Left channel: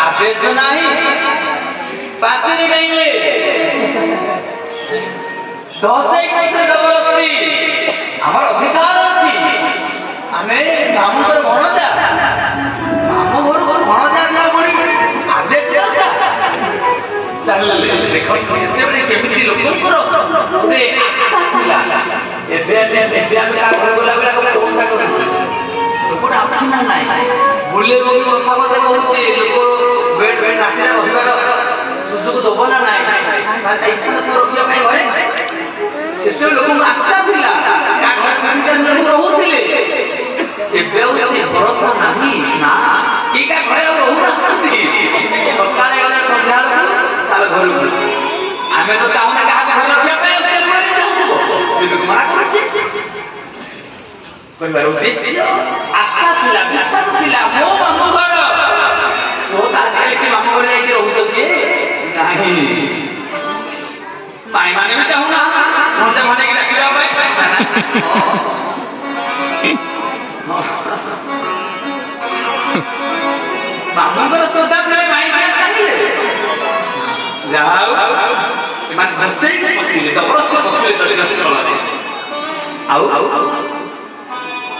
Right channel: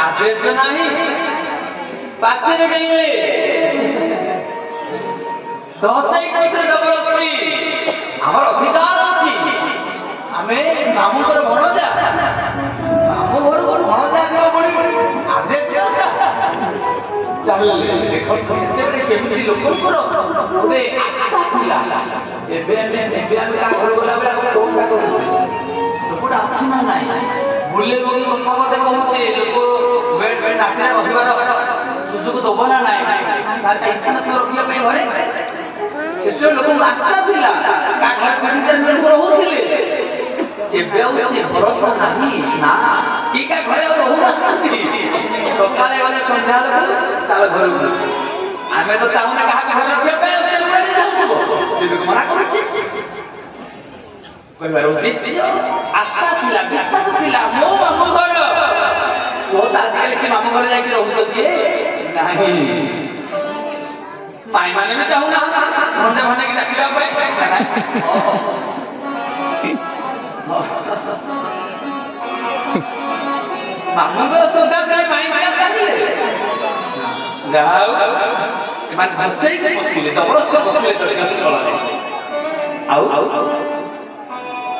आदेश नहीं पाचेरी नहीं दसई कैसे जबरदस्ती आमर अधिकार अच्छी आम मामू घर भणजा मामू घर भणजा आदेश चलिए देख केमी लोक गोटे आस्था गला बेला लोकटा अच्छी ना ना बुले रोगी कथा कहते लोक बेड बेड राति रही सुजोग दब ना ना इच्छा नथिବ रखिया ପାଇଁ ଘରେ ସେଥିରେ ଲୋକଙ୍କୁ ଆସ୍ଥା ଥିଲା ରହୁଥିଲେ ଏବେ ଆଉ ସେ ଭରସା ନାହିଁ ନା କି କା ଘରେ ଆଉ ରହୁନାହାନ୍ତି ସକାଳେ ଗଲେ ସନ୍ଧ୍ୟା ଚାଲ ଘରକୁ ଆମେ ତ ଚାହୁଁନା କାହାକୁ ଘରେ ରଖିବା ପାଇଁ ସେ ଚାହୁଁଥିବ ମନା କରୁଛି କହିବାର ଉଦ୍ଦେଶ୍ୟ ଆସ୍ଥା ଥିଲା ବିଶ୍ୱାସ ଥିଲା ମୋ ମାମୁଁ ଘର तो आजकल के मामू घर जाके रहू किए नहीं माई माने भी चाहू ना हमसे भने की डाकिबा मामू घर सुधा करे माई माने चाहिए जाओ मान बसे बसिले जबरदस्त बसिले चले गसे चला दे आउ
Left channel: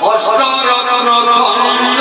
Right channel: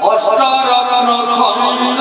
अष्ट रत्न खंड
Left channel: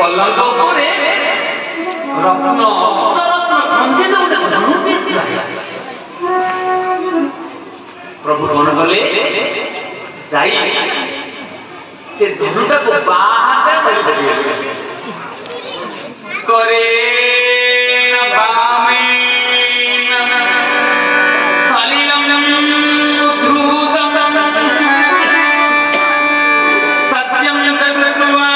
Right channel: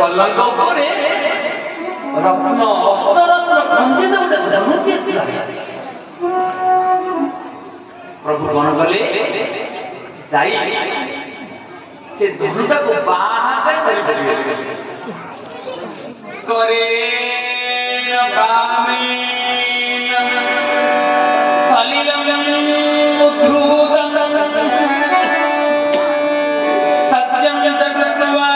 पलंग उपरे रत्न अष्टरत्न खंडित गोटे धनु दिए प्रभु कौन गले जाई से धनुटा को बाहर धरि करे न बामे सलिलम उद्धृतम सत्यम जगत्वा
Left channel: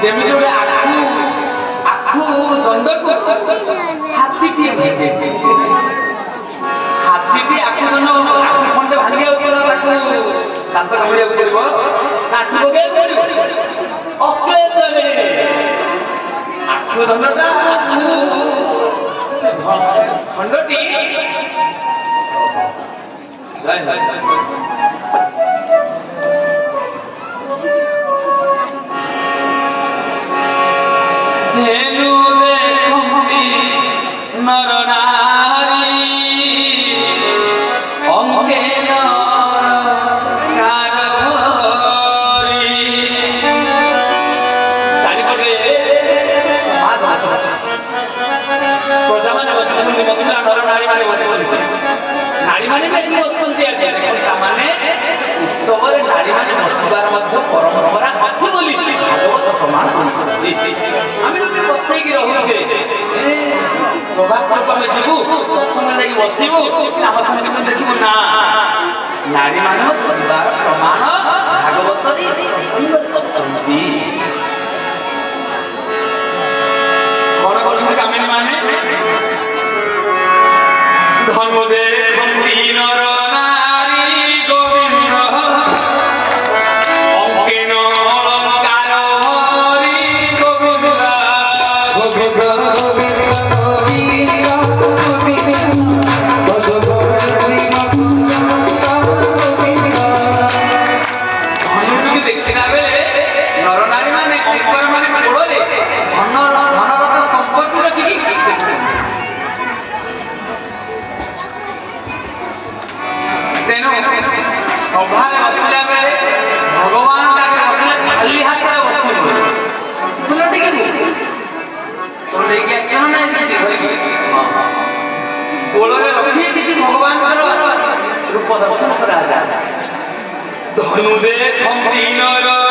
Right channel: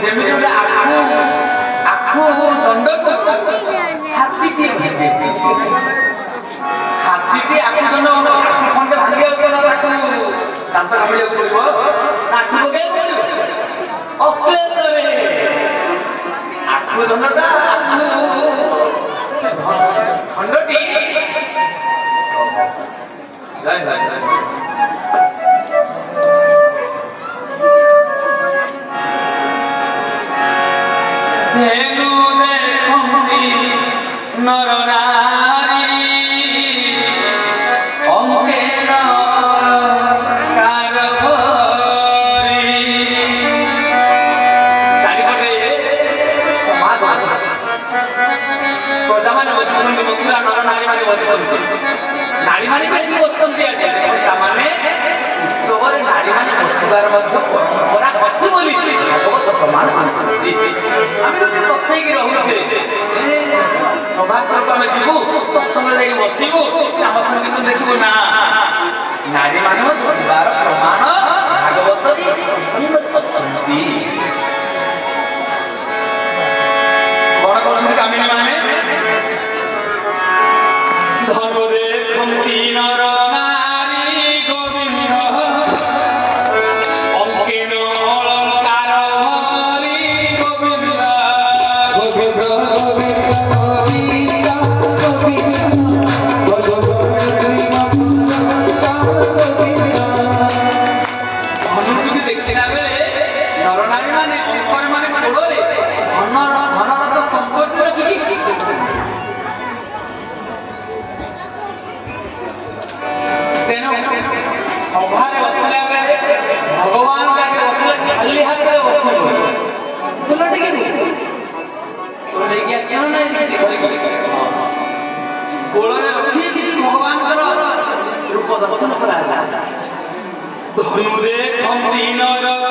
जेमिति गोटे आखु दंड को हाथीटी आखु दंड आखु खंडे भांगिया दांत कामिया पड़ो काठी पकड़ पड़ो अक्लेश आखु दंडटा आखु खंडटी धेनु देखंती नर नारी अंके नर कारभरी चारिपटे समाज प्रजा माने बसुଛନ୍ତି ମଥୁରା ନର ନାରୀ माने बसुଛନ୍ତି नारी माने बेसी बसुଛନ୍ତି ଆଜ୍ଞା ତାମାନେ ଉତ୍ସବରେ ନାରୀ ମାନେ ବସିବାର ମଧ୍ୟ ପରମ୍ପରା ଅଛି ବୋଲି ଭାଗବତ ପ୍ରମାଣ କରୁଛନ୍ତି ଆମେ ତ ପଛେଇକି ରହୁଛେ ସଭାକୁ ଆମେ ଯିବୁ ସତ୍ସଙ୍ଗରେ ଯାଇକି ବସିବୁ ଆମ ସଙ୍ଗୀତ ଦେଖିବୁ ନା ନାରୀ ମାନେ ଯିବାର ପ୍ରମାଣ ଭାଗବତରେ ଅଛନ୍ତି କଣ କରୁଛନ୍ତି କାମିନୀ ମାନେ ଧନୁ ଦେଖନ୍ତି ନର ନାରୀ ଗୋବିନ୍ଦ देखिला बेले नर नारी माने कंकर माने गोड़े धनरथ संपत्ति रखिकी तेणु सभारे बसिला बेले भगवान बसिले खाली हाथ में बसबे फूल टिके लेके आसन गोड़े रखी किसी भगवान रूप दर्शन करा धनु देखम दीनर